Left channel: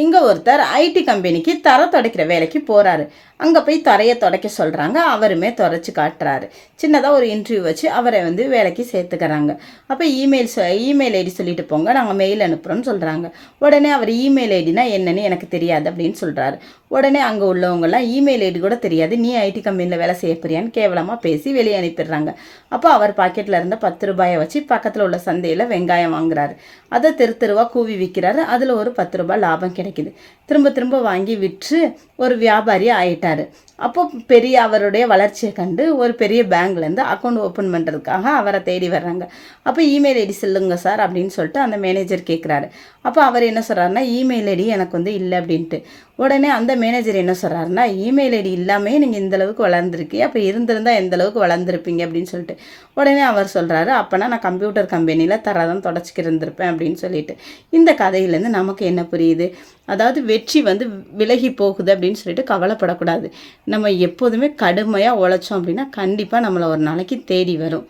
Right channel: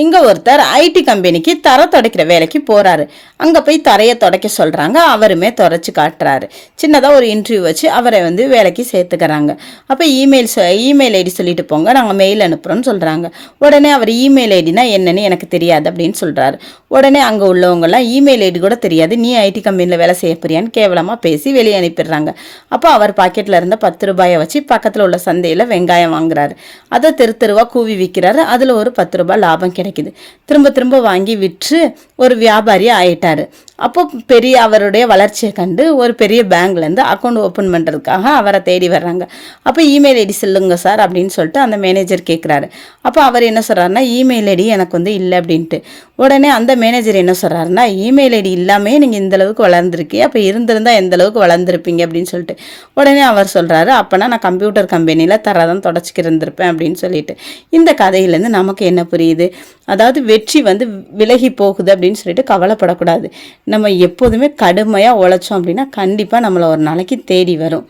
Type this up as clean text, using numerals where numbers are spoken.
இங்க ஒருத்தர் ஐடி கம்பெனிக்கு தரை துடைக்கிற வேலைக்கு போறாரு. அங்க போய் தரையை துடைக்க சொல்றாங்க. அவருமே துடைச்சு காட்டுறாரு. சின்னதா ஒரு இன்டர்வியூ வச்சு அவரை வேலைக்கு சேர்த்துக்கிறாங்க. அப்ப இமெயில் ஐடி சொல்லிட்டு போங்க, நாங்க மெயில் அனுப்புறோம்னு சொல்றாங்க. உடனே அவர் இமெயில் ஐடினா என்னன்னு எனக்கு தெரியாது அப்படின்னு சொல்றாரு. உடனே அங்க உள்ளவங்க எல்லாம் இமெயில் ஐடி கூட தெரியாது, நீ ஐடி கம்பெனில வேலை செய்ய போறியான்னு கேவலமா பேசி வெளியே அனுப்பிடுறாங்க. அப்போ அவர் பாக்கெட்ல இருந்த 10 ரூபாயை வச்சு பக்கத்துல உள்ள சந்தையில வெங்காயம் வாங்குறாரு. அதை தெரு தெருவா கூவி விற்கிறாரு. அதுல ஒரு 10 ரூபாய் லாபம் கிடைக்குது. திரும்ப திரும்ப வாங்கி விற்று ஒரு வியாபாரி ஆயிட்டாரு. அப்போ பெரிய அவருடைய வளர்ச்சியை கண்டு ஒரு பெரிய பேங்க்லேருந்து அக்கௌண்ட் ஓப்பன் பண்ணுறதுக்காக அவரை தேடி வர்றாங்க. அப்போ இமெயில் ஐடி சொல்லுங்க சார் அப்படின்னு சொல்லிட்டு அந்த மேனேஜர் கேட்குறாரு. அப்போ அவர் என்ன சொல்கிறாருன்னா, இமெயில் ஐடி எனக்கு இல்லை அப்படின்ட்டு. உடனே அந்த மேனேஜர் என்ன சொல்கிறாருன்னா, இமெயில் ஐடி இல்லாமே நீங்கள் இந்தளவுக்கு வளர்ந்துருக்கீங்க, அப்போ இருந்திருந்தால் எந்த அளவுக்கு வளர்ந்துருப்பீங்க அப்படின்னு சொல்லிட்டு. உடனே அவர் சொல்கிறாரு, அப்போனா நான் கம்ப்யூட்டர் கம்பெனியில் தரதான் தொடச்சிக்கு இருந்திருப்பேன் அப்படின்னு சொல்லிட்டு. இந்த கதையிலேருந்து நமக்கு என்ன புரியுது? அதாவது வெற்றி விலகி போகுது அப்படின்னு சொல்லிட்டு கவலைப்படக்கூடாது. நம்ம எப்போதுமே கடுமையாக உழைச்சோம் அப்படின்னா கண்டிப்பாக நம்மளை ஒரு நாளைக்கு தேடி வரும்.